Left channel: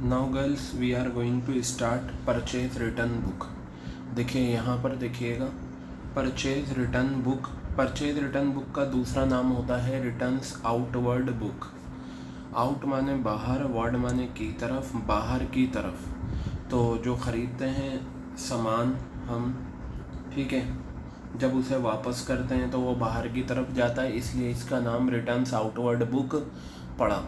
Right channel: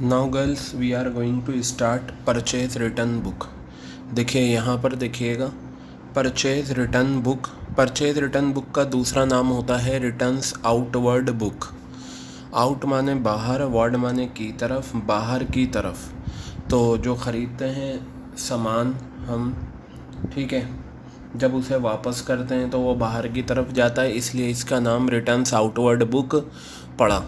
Now girls we are going to start purchase return book. देखिए यहाँ पर देखिएगा, purchase return book. Purchase return book का दूसरा नाम होता है रिटर्न्स आउटवर्ड बुक। आउट माने बाहर, वर्ड माने की तरफ, बाहर की तरफ। तो जो ख़रीदते हैं सामान हम, ठीक है, जब उसे वापस करते हैं तो वो बाहर की तरफ जाता है, इसलिए इसका नाम रिटर्न्स आउटवर्ड बुक पड़ा।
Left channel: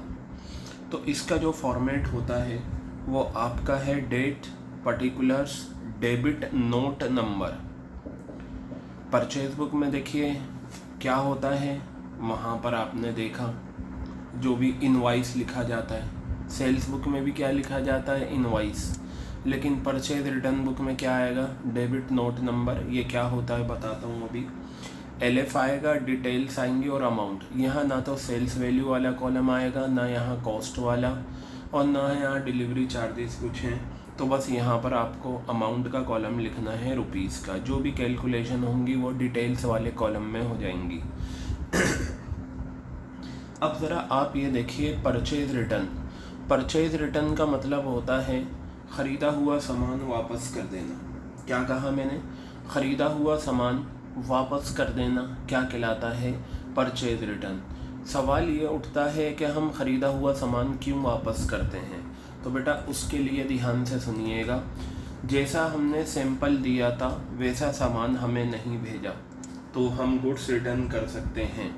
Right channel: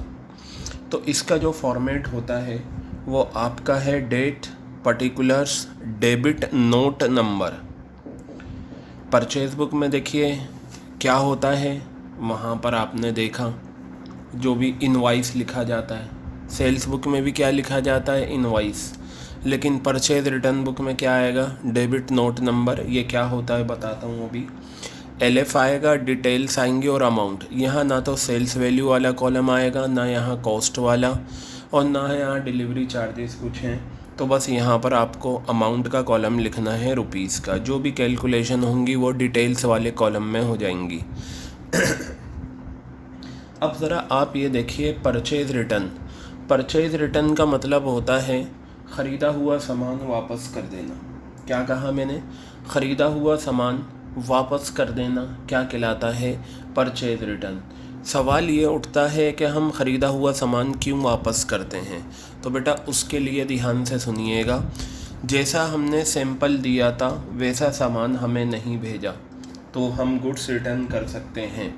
तो इसका जो फॉर्मेट होता है वो आपका है date, particulars, debit note number. Purchase book में देखिए क्या होता है, वहाँ पर आपने देखा जो भी इनवॉइस लिखा जाता है। सेल्स बुक में भी क्या लिखा जाता है, इनवॉइस। लेकिन परचेज रिटर्न बुक में क्या आएगा, डेबिट नोट नंबर। ये क्या होता है बताता हूँ अभी। LF आएगा, डिटेल्स आएंगे और अमाउंट। यहाँ ना तो सेल्स वैल्यू वाला कॉलम आएगा, ना यहाँ कॉस्ट वाला, और ना यहाँ डिलीवरी चार्जेस कुछ हैं। तो बस यहाँ पर आपको अमाउंट का कॉलम लिखना है, रुपीज़ का। जो भी कैलकुलेशन होंगी वो डिटेल्स वाले कॉलम में हो जाएंगी। अब ज़रा आप ये देखिए परचेज रिटर्न। परचेज रिटर्न का मतलब होता है ख़रीदा हुआ सामान वापस कर देना। क्या कहा मैंने, ख़रीदा हुआ सामान वापस कर देना क्या कहलाता है, परचेज रिटर्न। सवाल ये उठता है कि हम ख़रीदा हुआ सामान क्यों वापस करते हैं। तो बेटा उसके लिए ध्यान से सुनिएगा। जैसा हमने सैंपल दिया था वैसा सामान हमें नहीं भेजा तो हम गुड्स रिटर्न कर सकते हैं,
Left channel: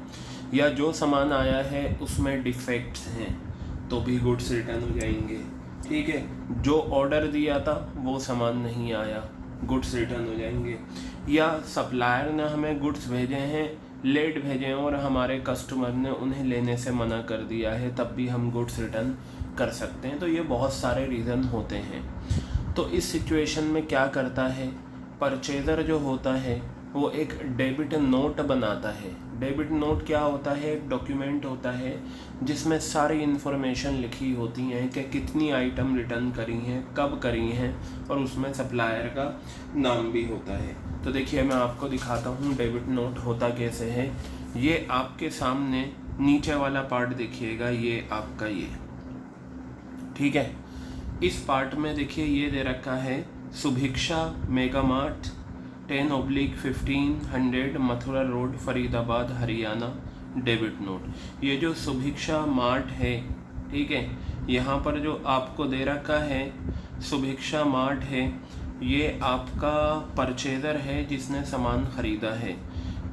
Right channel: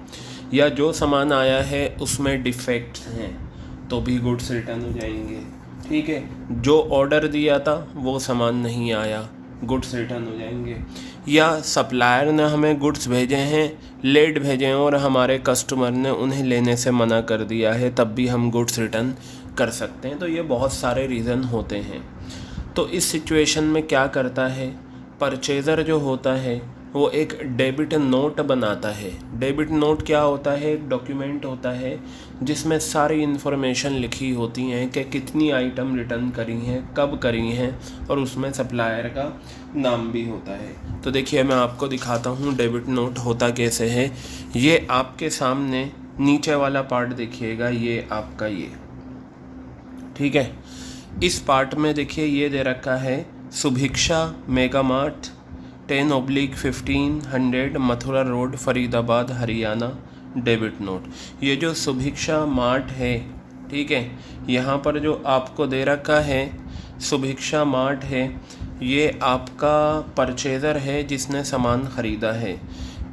या जो सामान आया है उसमें डिफेक्ट्स हैं तो भी गुड्स रिटर्न हो जाएंगे। ठीक है, जो ऑर्डर दिया था वो सामान नहीं आया, गुड्स रिटर्न हो जाएंगे। या सप्लायर ने हमें गुड्स भेजे हैं, लेट भेजे हैं और हमारे कस्टमर ने उन्हें लेने से मना कर दिया है, तब भी हम गुड्स रिटर्न कर सकते हैं। तो ये बहुत सारे रीज़न होते हैं। तो इस सिचुएशन में क्या करता है, परचेज़र जो होता है वो एक डेबिट नोट बनाता है। डेबिट नोट क्या होता है, एक डॉक्यूमेंट होता है जिसमें सारी इन्फॉर्मेशन लिखी होती हैं कि कितनी आइटम रिटर्न करी हैं, कब करी हैं, और उसमें सप्लायर का नाम भी होता है। तो देखिए मैं आपको दिखाता हूँ डेबिट नोट होता कैसे है। ये आपके सामने नीचे वाला पार्ट देखिएगा, ये आपका ये, ठीक है। इस पार्ट में देखिए ये दे रखा है Subhiksha mega mart 10/1500 Mathura road Faridabad Haryana, debit note. ये जो सुभिक्षा मार्ट है, ठीक है, यहाँ पर जो आपको दे रखा है सुभिक्षा मार्ट है, ये आपका परचेज़र है जिसने सामान ख़रीदा है।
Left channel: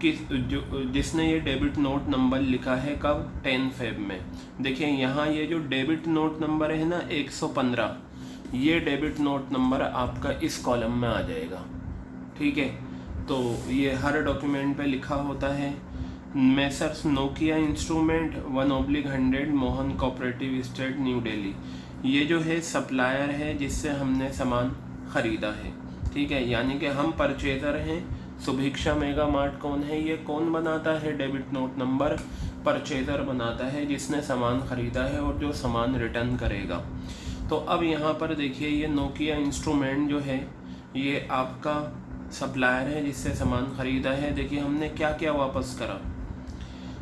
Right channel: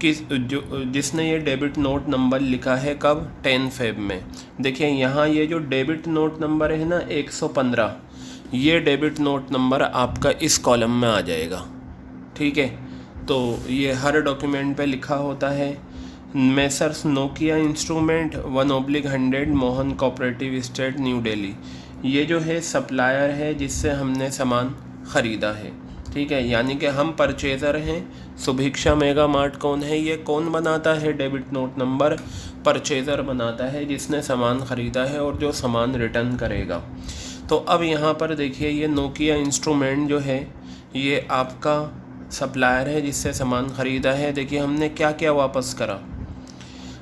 जिसने ये डेबिट नोट नंबर लिखा है कब, 10 फेब में। देखिए यहाँ ये जो डेबिट नोट नंबर है ना 115, ये डेबिट नोट नंबर आपका इस कॉलम में आ जाएगा। ठीक है, तो ये हर डॉक्यूमेंट पे लिखा होता है। Messrs Nokia instrument 1/100 Mohan cooperative state new Delhi. ये जो है सप्लायर है जिससे हमने सामान ख़रीदा है। ठीक है, यानी कि हम परचेज़र हैं। सुभिक्षा मेगा मार्ट कौन है, ये कौन बनाता है डेबिट नोट नंबर, परचेज़र बनाता है जिसने सामान ख़रीदा है और जो सामान रिटर्न करेगा। तो अब यहाँ पर देखिए ये नोकिया इंस्ट्रूमेंट जो है ये आपका सप्लायर है जिससे सामान ख़रीदा है। देखिए हमने क्या क्या वापस करा,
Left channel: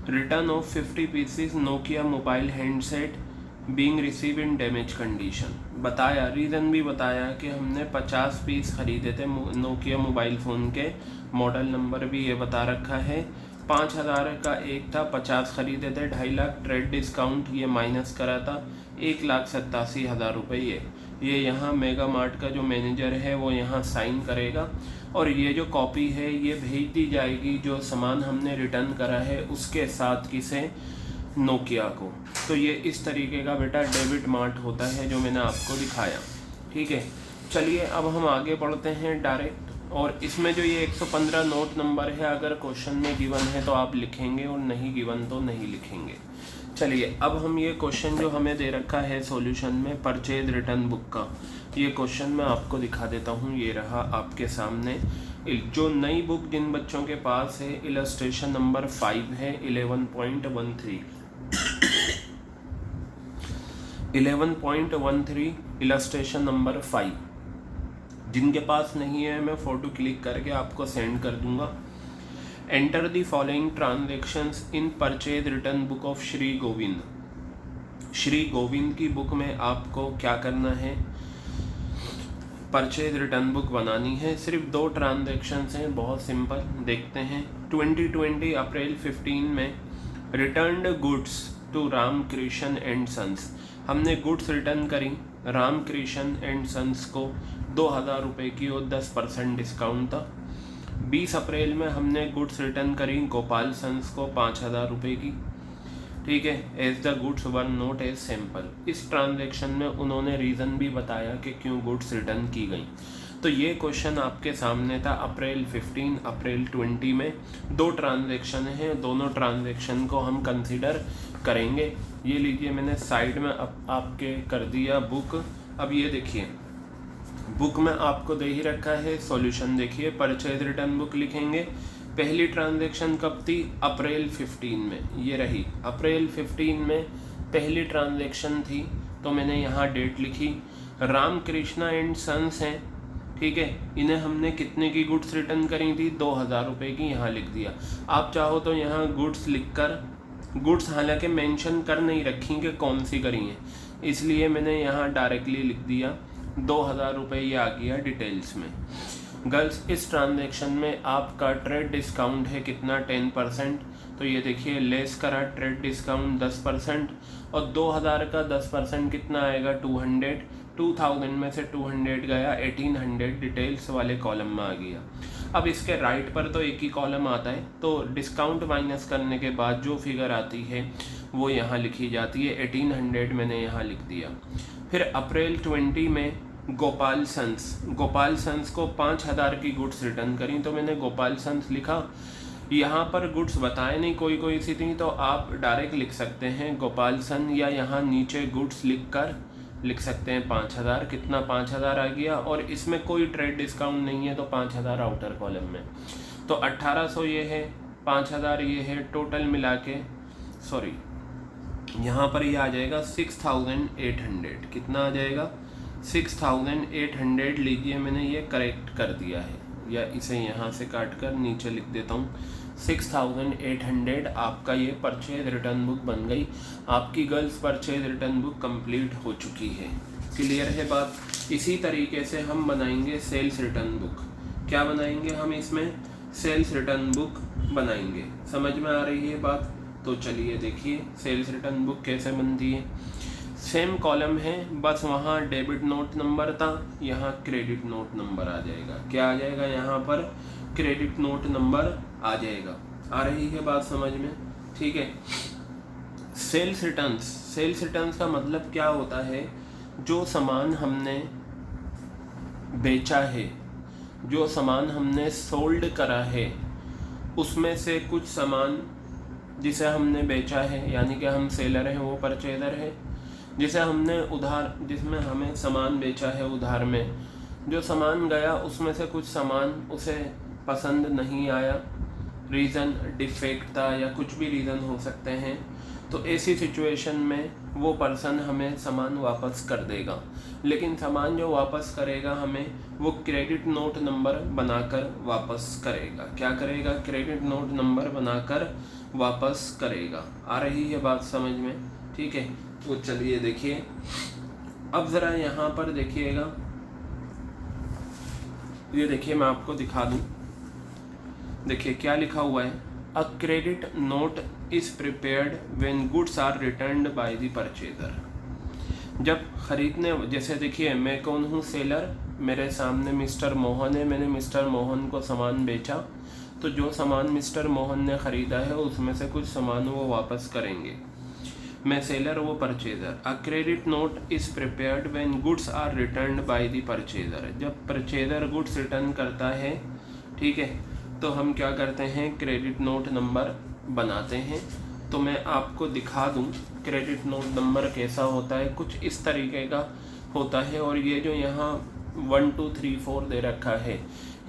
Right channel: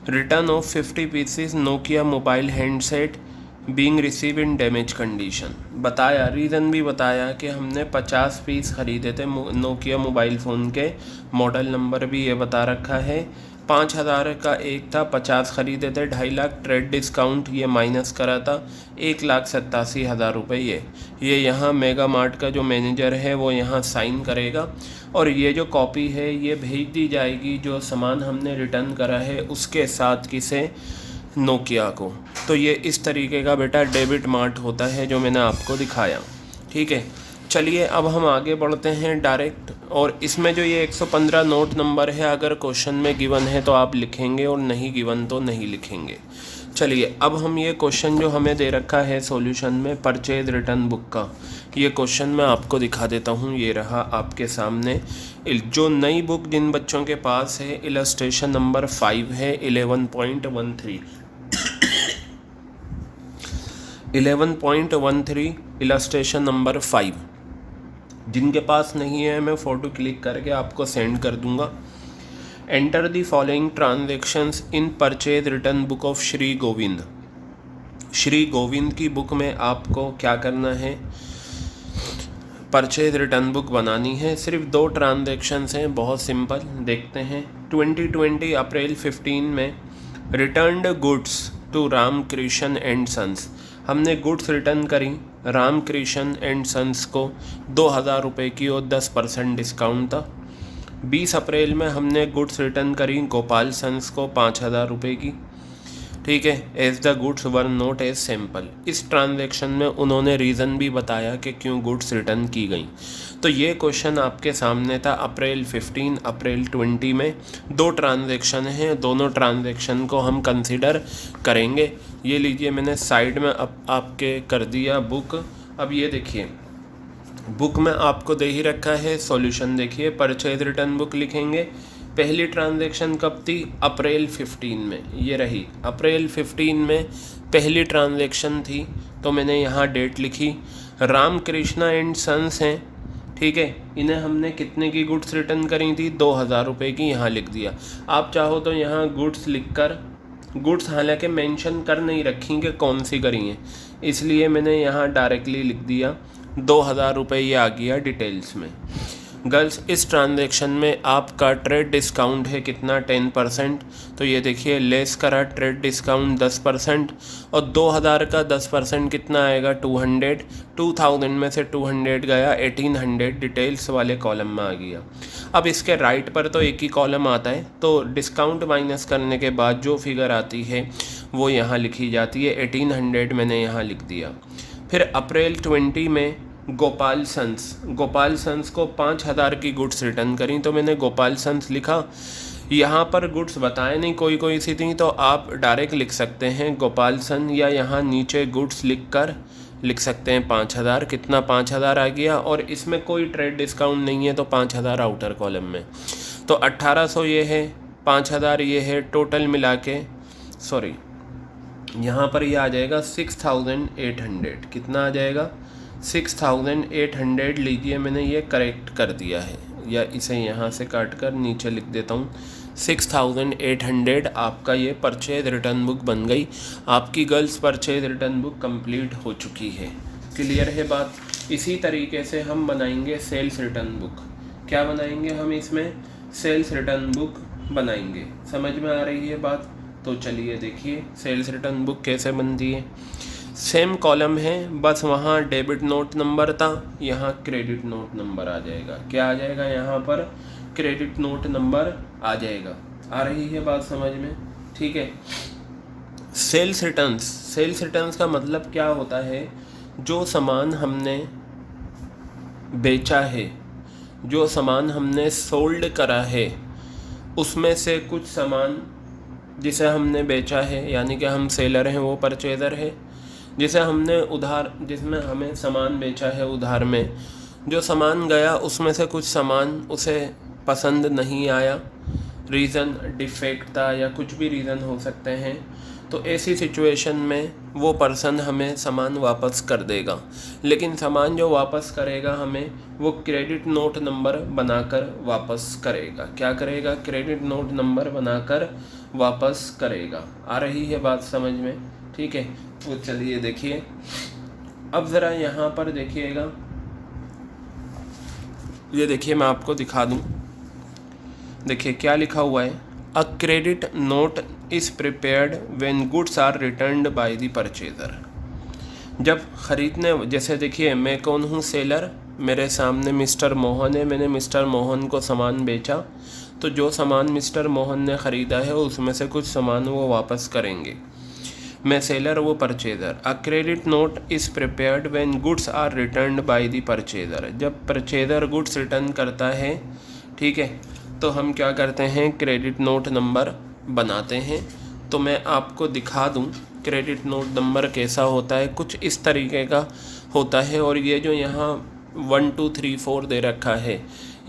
return of 50 pieces Nokia mobile handset being receive in damage condition. बताया, रीज़न भी बताया कि हमने 50 पीस ख़रीदे थे नोकिया मोबाइल फ़ोन के, मॉडल नंबर भी ये बता रखा है। 5000 का एक था, 50 ख़रीदे थे, 2.5 लाख ट्रेड डिस्काउंट ये माइनस करा था, 1,87,000 रुपये। ये यहाँ मेगा मार्ट का जो मैनेजर है वो यहाँ साइन करेगा और ये जो कॉपी है ये भेज दी जाएगी जो सामान हमने रिटर्न करा है उसके साथ, किसे, नोकिया को। तो ये इस तरीके का बेटा डेबिट मार्ट होता है जो मैंने आपको दिखाया। ठीक है, चलिए अब हम आगे बढ़ते हैं डायरेक्ट। और इसमें जो ये 115 नोट नंबर है, अगर क्वेश्चन में गिवन है तो आप लिखेंगे और नहीं गिवन तो नहीं लिखेंगे। चलिए अब हम ये क्वेश्चन जो हमें दे रखा है सॉल्यूशन में परचेज रिटर्न बुक का, ये क्वेश्चन मैं आपको दिखा देता हूँ। ये रहा आपके सामने। जो नई बुक जिन बच्चों के पास है, इलस्ट्रेशन नंबर 5 है 11.13 11.13 इलस्ट्रेशन नंबर 5। जिनके पास नहीं है मैं फ़ोटो क्लिक करके आपको सेंड कर दूंगा। Enter the following transactions in purchase return book of Shri Govind. Shri Govind की बुक में आपको क्या करना है, परचेज रिटर्न बुक बनानी है। सिर्फ 2 ट्रांजैक्शंस हैं, बहुत सिंपल, देखते हैं। 2020 अप्रैल 15 में returned goods to Ramakrishna and sons, हमने गुड्स रिटर्न करी रामकृष्ण एंड सन्स को 2000 रुपये की और 10% डिस्काउंट था। 20 अप्रैल में हमने गुड्स रिटर्न करी गोपाल सन्स को 5000 रुपये की, ठीक है, as the goods were not as sample. इस ट्रांजैक्शन में उन्होंने रीज़न भी बताया कि क्यों गुड्स रिटर्न की गई। तो ये क्वेश्चन आपके सामने था अप्रैल 15 अप्रैल 20 में। 2 ट्रांजैक्शन हैं, दोनों ट्रांजैक्शन को हम कंसिडर करेंगे। ये लीजिए, मैंने साइड में आपके कर दिया बुक। अब ये देखिए, बुक में आपको दे ही रखा है सॉल्यूशन। देखिए, परचेज रिटर्न बुक लिखेंगे। पहली ट्रांजैक्शन कब थी, अप्रैल 15 में, ये रही अप्रैल 15 में पहली ट्रांजैक्शन थी। तो मैंने यहाँ डेट लिखी। रामकृष्णा एंड सन्स हैं, ठीक है, इन्हें हमने कितने की गुड्स रिटर्न करी थी, 2000 रुपये की, यहाँ लिख दिया। आप चाहो तो यहाँ गुड्स लिखकर, गुड्स हालांकि मेंशन कर नहीं रखी कि कौन सी करी हैं, इसलिए मैंने यहाँ डायरेक्टली लिख दिया 2000 रुपये, ये आ गया डिटेल्स में। गर्ल्स, इस ट्रांजैक्शन में आपका ट्रेड डिस्काउंट है कितना, 10%। तो ये देखिए, लेस करा ट्रेड डिस्काउंट 10%, और 2000 का 10% कितना आएगा, 200। 2000 में से 200 गया, 1800 डिटेल्स वाले कॉलम में आ गया। अब इसके राइट पर तो एक ही कॉलम आता है, तो डिस्काउंट माइनस करने के बाद जो फिगर आती है वो यहाँ लिखी जाती है। 1800 मैंने यहाँ लिख दिया। फिर अप्रैल 20 में गोपाल सन्स को 5000 की गुड्स रिटर्न करी, तो मैंने गोपाल सन्स लिखा। यहाँ पर गुड्स बताए नहीं, कोई सी थी, तो आप डायरेक्ट लिख सकते हैं गोपाल सन, या यहाँ नीचे गुड्स लिख सकते हैं 5000। कितना, 5000 आ गया, और इसमें कोई ट्रेड डिस्काउंट नहीं है, तो 5000 आउटर कॉलम में। तो 1800 ये है, 5000 ये है, टोटल मिला के, सॉरी, यहाँ पर ये आ जाएगा 6800। कितना आ जाएगा, 6800 लीजिए, मैंने ये करेक्ट कर दिया है, या इसे यहाँ से काट कर नीचे लिख देता हूँ। 6800 आपका ये परचेज रिटर्न बुक बन गई। आपकी girls purchase return book complete हो चुकी है। क्लियर है बात। इसी तरीके से हम बनाएंगे सेल्स रिटर्न बुक। क्या बनाएंगे हम इसमें, सेल्स रिटर्न बुक बनाएंगे। समझ में आ रही है बात। तो चलिए देखिए सेल्स रिटर्न बुक कैसे बनती है। सेम कॉलम है, बस वहाँ डेबिट नोट नंबर था, यहाँ क्रेडिट नोट नंबर आ जाएगा। क्या आ जाएगा, यहाँ पर क्रेडिट नोट नंबर आ जाएगा। आ रही है बात समझ में, ठीक है। सेल्स रिटर्न्स का मतलब क्या होता है, जो सामान हमने बेचा है, जो सामान हमने सोल्ड करा है, उसमें से कुछ सामान जिसे हमने बेचा है, यानी कि हम सेलर हैं, वो परचेज़र है। जिसे हमने उधार, जिसमें हमें सामान बेचा है उधार में, जो सामान गया उसमें से कुछ सामान उसे पसंद नहीं आया, रीज़न डिफेक्ट था या कुछ भी रीज़न हो सकते हैं, तो ऐसी सिचुएशन में वो पर्सन हमें सामान वापस कर देगा। लेकिन सामान जो वापस करेगा हमें, वो क्रेडिट नोट नंबर बनाकर वापस करेगा। क्या करेगा, क्रेडिट नोट नंबर बनाकर वापस करेगा। आ रही है बात समझ में, ठीक है। तो चलिए देखिए, अब ज़रा यहाँ पर देखिएगा, ये देखिए मैं आपको दिखा दूँ। देखिए क्या लिखा हुआ है, a credit note is prepared when goods are returned by the purchaser. जब ख़रीदने, जैसे देखिए मैं कौन हूँ, सेलर, मेरे सामने मिस्टर मोहन है, मैंने मिस्टर मोहन को सामान बेचा, तो जो सामान मिस्टर मोहन ने ख़रीदा है उसमें से कुछ सामान वो वापस करेंगे। मैं सेलर, वो purchaser. A credit note is prepared when goods are returned by the purchaser. जब परचेज़र गुड्स रिटर्न करता है, ठीक है, तो हम क्या करते हैं, क्रेडिट नोट नंबर बनाते हैं। तो मैं आपको दिखा दूं क्रेडिट नोट नंबर कैसा होता है, कुछ इस तरीके का होता है। और ये जो यहाँ 1 2 3 4 दे रखा है,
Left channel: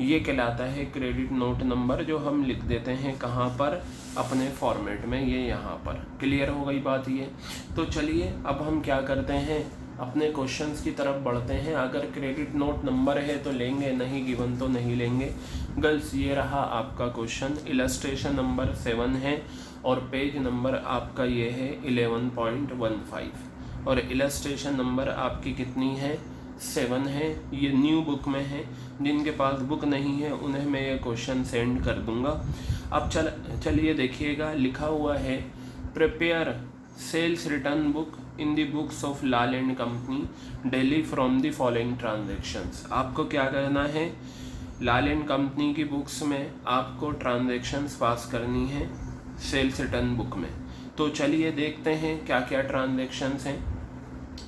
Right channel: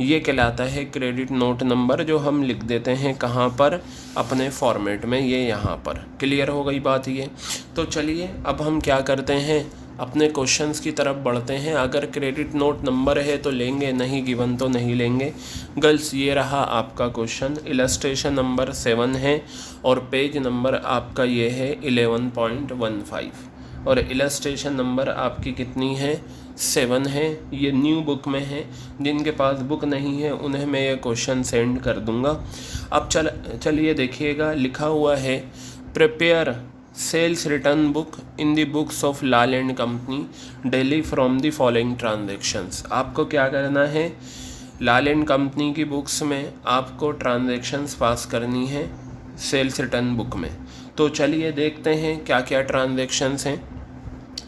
ये कहलाता है क्रेडिट नोट नंबर, जो हम लिख देते हैं कहाँ पर, अपने फॉर्मेट में, ये यहाँ पर। क्लियर हो गई बात ये। तो चलिए अब हम क्या करते हैं, अपने क्वेश्चंस की तरफ बढ़ते हैं। अगर क्रेडिट नोट नंबर है तो लेंगे, नहीं गिवन तो नहीं लेंगे। गर्ल्स ये रहा आपका क्वेश्चन, इलस्ट्रेशन नंबर 7 है और पेज नंबर आपका ये है 11.15 और इलस्ट्रेशन नंबर आपकी कितनी है 7 है। ये न्यू बुक में है, जिनके पास बुक नहीं है उन्हें मैं ये क्वेश्चन सेंड कर दूंगा। अब चलिए देखिएगा, लिखा हुआ है prepare sales return book in the books of Lal and company Delhi from the following transactions. आपको क्या करना है, लाल एंड कंपनी की बुक्स में आपको ट्रांजैक्शंस पास करनी है सेल्स रिटर्न बुक में। तो चलिए देखते हैं क्या क्या ट्रांजैक्शंस हैं।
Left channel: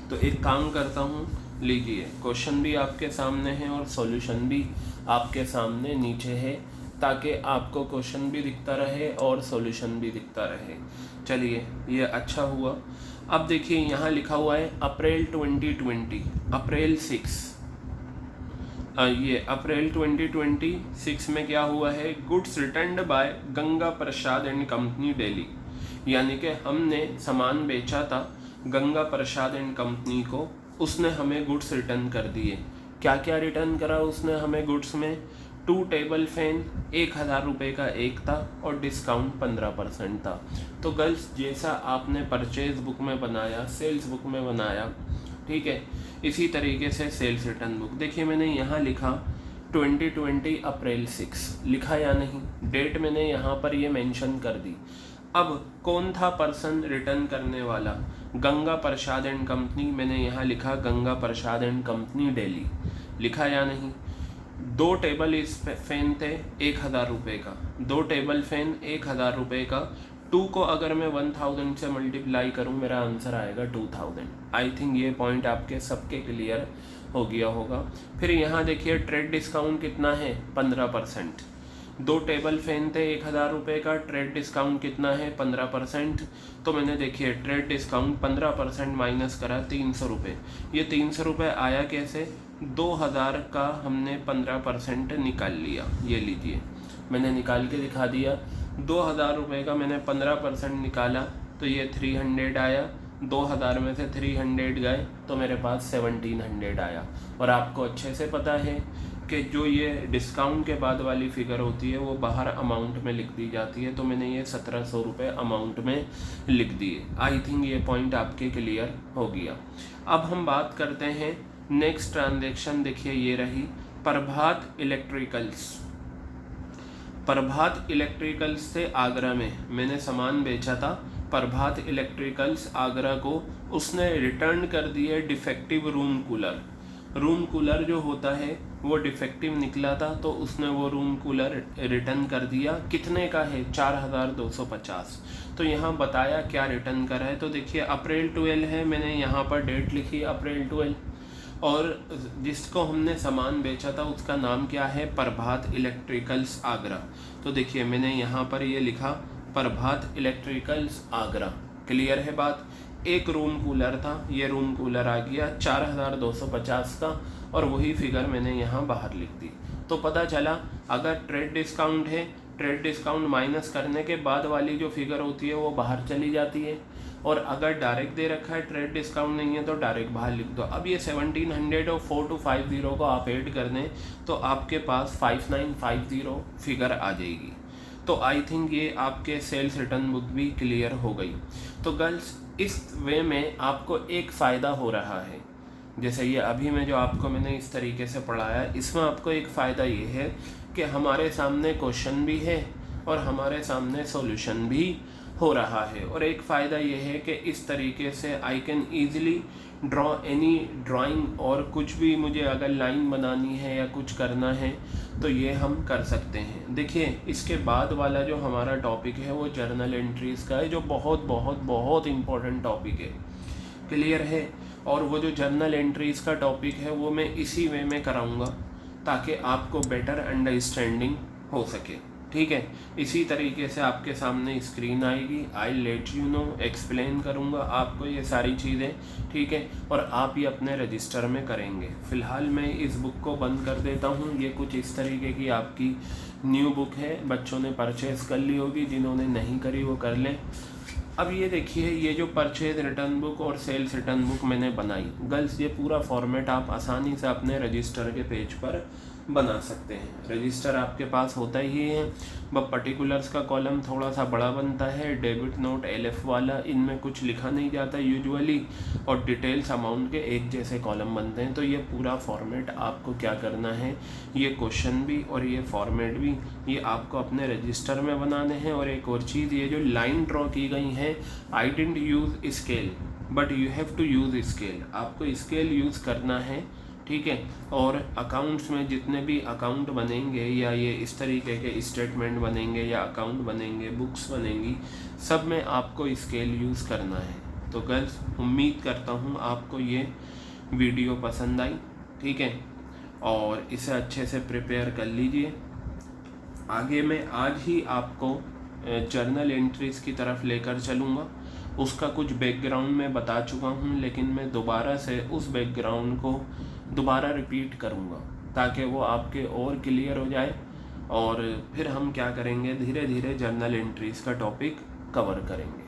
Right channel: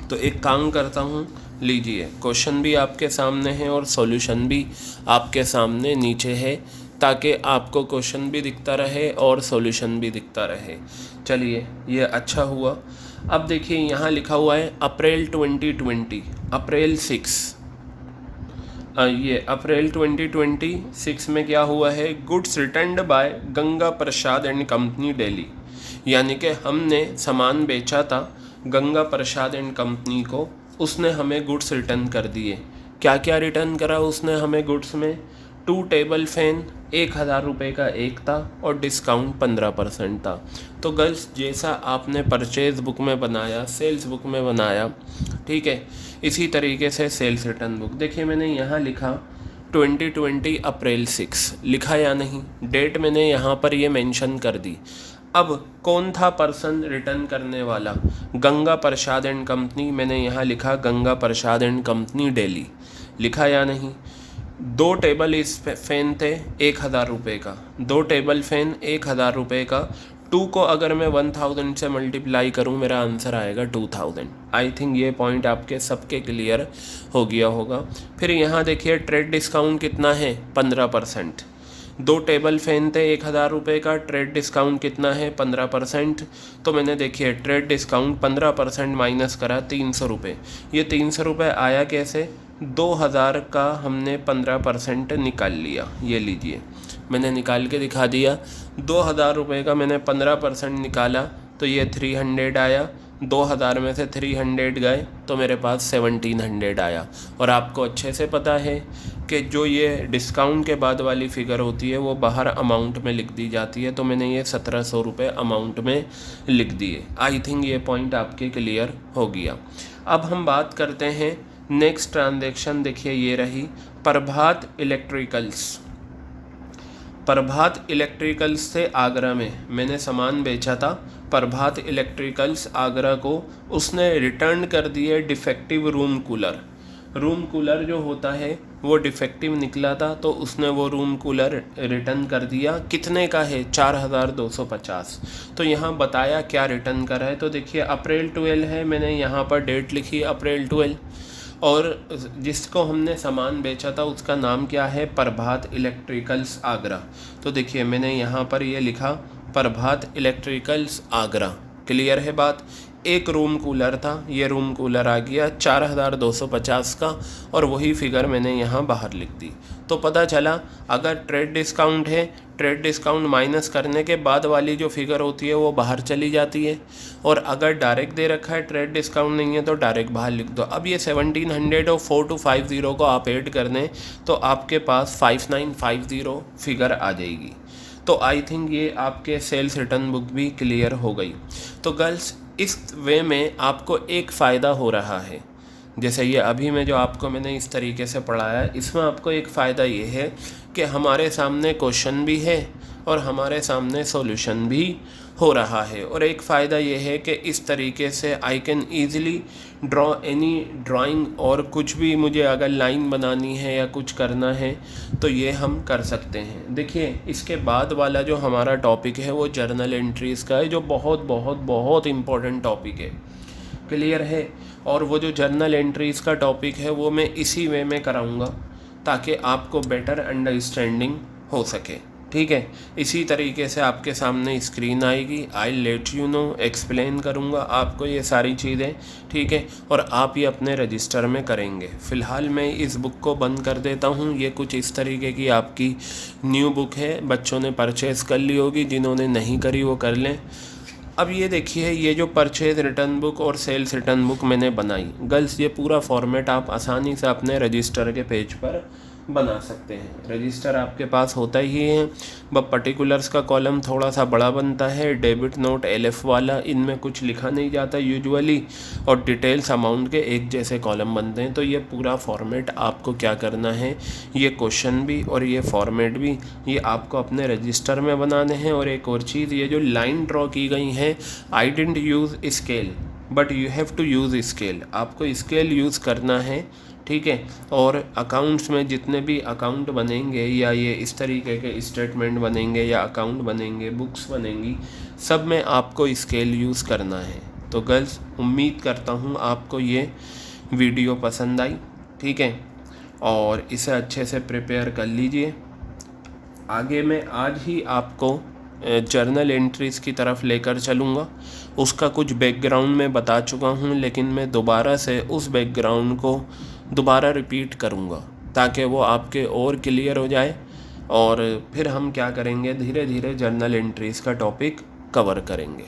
तो एक काम करता हूँ, लीजिए क्वेश्चन भी आपके सामने है और सॉल्यूशन भी आपके सामने नीचे है, ताकि आपको क्वेश्चन भी दिखता रहे और सॉल्यूशन भी दिखता रहे। चलिए ये अच्छा हुआ। अब देखिए यहाँ लिखा हुआ है अप्रैल 2020, अप्रैल 6, ये अप्रैल 2026 में क्या हुआ है, goods returned by Ganga Prasad and company Delhi, यानी कि हमने सामान बेचा था गंगा प्रसाद एंड कंपनी को, उसने हमें गुड्स रिटर्न कर दिए। क्या क्या रिटर्न करा उसने हमें गुड्स में, 2 टेबल फैन 1000 रुपये का एक था और डिस्काउंट 15% था। तो गर्ल्स जैसा आपने परचेज बुक में बनाया, सेल्स बुक में बनाया, ठीक है, इसी तरीके से सेल्स रिटर्न बुक। देखिए मैंने यहाँ लिखा 2020 अप्रैल 6, लिखा या नहीं, डेट मैंने यहाँ पर ये मेंशन कर दी। अब कौन था पर्सन रिटर्न करने वाला, गंगा प्रसाद एंड कंपनी, मैंने यहाँ लिखा गंगा प्रसाद एंड कंपनी दिल्ली, लिखा या नहीं। 2 टेबल इस फैन थे 1000 रुपये का, 2 टेबल फैन 1000 रुपये का, 2 को अगर मैं 1000 से मल्टीप्लाई करूं मेरा आंसर आएगा 2000। आई थिंक ये पॉइंट आपके सबके क्लियर हो गया होगा। फिर यहाँ देखिए ट्रेड डिस्काउंट कितना है 15%, 2 टेबल फैन थे 1000 रुपये का, ट्रेड डिस्काउंट कितना है 15%। तो मैंने देखिए ट्रेड डिस्काउंट 15% माइनस करा 300 रुपये। ये 300 रुपये आया कैसे, 2000 का हमने 15% निकाल लिया, ये लीजिए मैंने निकाल के दिखा दिया। 2000 रुपये का मैंने 15% निकाला तो ये 300 आया, 2000 में से 300 गए तो मेरे पास 1700 आया। और आपको अच्छे से पता है कि जो ये डिस्काउंट के बाद वाली फ़िगर होती है वो बाहर अमाउंट में लिख दी जाती है, तो मैंने ये 1700 रुपये अमाउंट में लिख दिए। आई थिंक ये पॉइंट आपके क्लियर हो गया। अब हम बात करते हैं नेक्स्ट ट्रांजैक्शन। देखिए ये रही प्रभात इलेक्ट्रिकल्स, प्रभात इलेक्ट्रिकल्स से आगरा में मैंने सामान बेचा था, प्रभात इलेक्ट्रिकल्स आगरा को उसने रिटर्न कर दिए defective room cooler. Room cooler जो होता है वो डिफेक्टिव निकला था, तो उसने वो रूम कूलर रिटर्न कर दिया। कितने का है 4250। तो यहाँ बताया क्या रिटर्न करा है। तो देखिए अप्रैल 12 है, मैंने यहाँ पर डेट लिखी अप्रैल 12, और जिसको हमने सामान बेचा था उसका नाम क्या है, प्रभात इलेक्ट्रिकल्स आगरा। तो देखिए मैंने यहाँ पर ये लिखा प्रभात इलेक्ट्रिकल्स आगरा। क्लियर है बात। एक रूम कूलर था, ये रूम कूलर आ गया 4250 का, और वही फिगर मैंने यहाँ बाहर लिख दी। तो पता चला अगर ट्रेड डिस्काउंट है, ट्रेड डिस्काउंट माइनस करने के बाद वाली जो फिगर होती है वो बाहर चली जाती है, और अगर डायरेक्ट दे रखा है ट्रेड डिस्काउंट नहीं है तो डायरेक्ट बाहर लिख दो। अब ये 1700 और 4250 को आप ऐड कर दें तो आपके पास 5950 फिगर आ जाएगी। तो आई थिंक ये आपके सेल्स रिटर्न बुक भी क्लियर हो गई। तो गर्ल्स इस वे में आपको एक फ़ायदा हो रहा है, जैसे ये अभी में जो आपको मैंने इस तरीके से पढ़ाया, इसमें आपको एक फ़ायदा ये है कि हमारे सामने क्वेश्चन भी है और हमारे सामने सॉल्यूशन भी हो रहा है। और एक फ़ायदा ये है कि इस तरीके से I can easily draw any drawing, और कुछ भी मुझे अगर लाइन बनानी है या कुछ करना है तो ये हम कर सकते हैं। देखिए इसके बाद वाला जो हमारा टॉपिक है वो जर्नल एंट्रीज़ का है, जो बहुत बहुत बहुत इम्पोर्टेंट टॉपिक है। क्लियर है। और वो जो जर्नल एंट्रीज़ का टॉपिक है वो मैं इसी वे में कराऊंगा ताकि आपको बेटर अंडरस्टैंडिंग हो सके। ठीक है, इसी तरीके से आपके सामने स्क्रीन आएगी, I let you know, explain करूँगा आपको ये सारी चीज़ें। ठीक है, और आप ये अपने रजिस्टर में करेंगे। फ़िलहाल मैं इस बुक को बंद कर देता हूँ। ये कुछ इस तरीके की आपकी न्यू बुक है, बच्चों ने परचेज़ कर ली होगी, जिन्होंने नहीं करी वो कर लें। अब ये देखिए, ये जो परचेज रिटर्न बुक और सेल्स रिटर्न बुक मैंने बनाई गर्ल्स, ये पूरा फॉर्मेट आप आसानी से अपने रजिस्टर के पेज पर बना सकते हैं। रजिस्टर आपके पास होता ही है, बस पर्टिकुलर्स का कॉलम थोड़ा सा बड़ा बनता है, डेबिट नोट एलएफ वाला, इनमें कुछ लिखा नहीं जाता यूजुअली, और डिटेल्स अमाउंट के एक जैसे कॉलम बनते हैं। तो ये पूरा फॉर्मेट आपको क्या करना है, ये क्वेश्चन भी और ये फॉर्मेट भी, ये आपको अपने रजिस्टर में बनाने हैं। और एक और चीज़, ये जो लाइन ड्रॉ की गई है, I didn't use scale but you have to use scale, आपको स्केल यूज़ करना है, ठीक है। और अकाउंट्स में जितने भी अकाउंट बनेंगे या ये इस तरीके के स्टेटमेंट बनेंगे या अकाउंट बनेंगे, बुक्स बनेंगी, सब में आपको स्केल यूज़ करना है। तो गर्ल्स, उम्मीद करता हूँ आपको ये वीडियो पसंद आई, ठीक है, और इसे अच्छे से प्रिपेयर कर लीजिए। आगे मैं आज ही आपको जर्नल एंट्रीज़ की तरफ लेकर चलूँगा। उसका कुछ बैकग्राउंड मैं बता चुका हूँ, लेकिन मैं दोबारा से उस बैकग्राउंड को दोबारा रिपीट करूँगा ताकि वो आपके और क्लियर हो जाए। और फिर हम क्या करेंगे, धीरे धीरे जर्नल एंट्रीज़ का टॉपिक कवर करेंगे।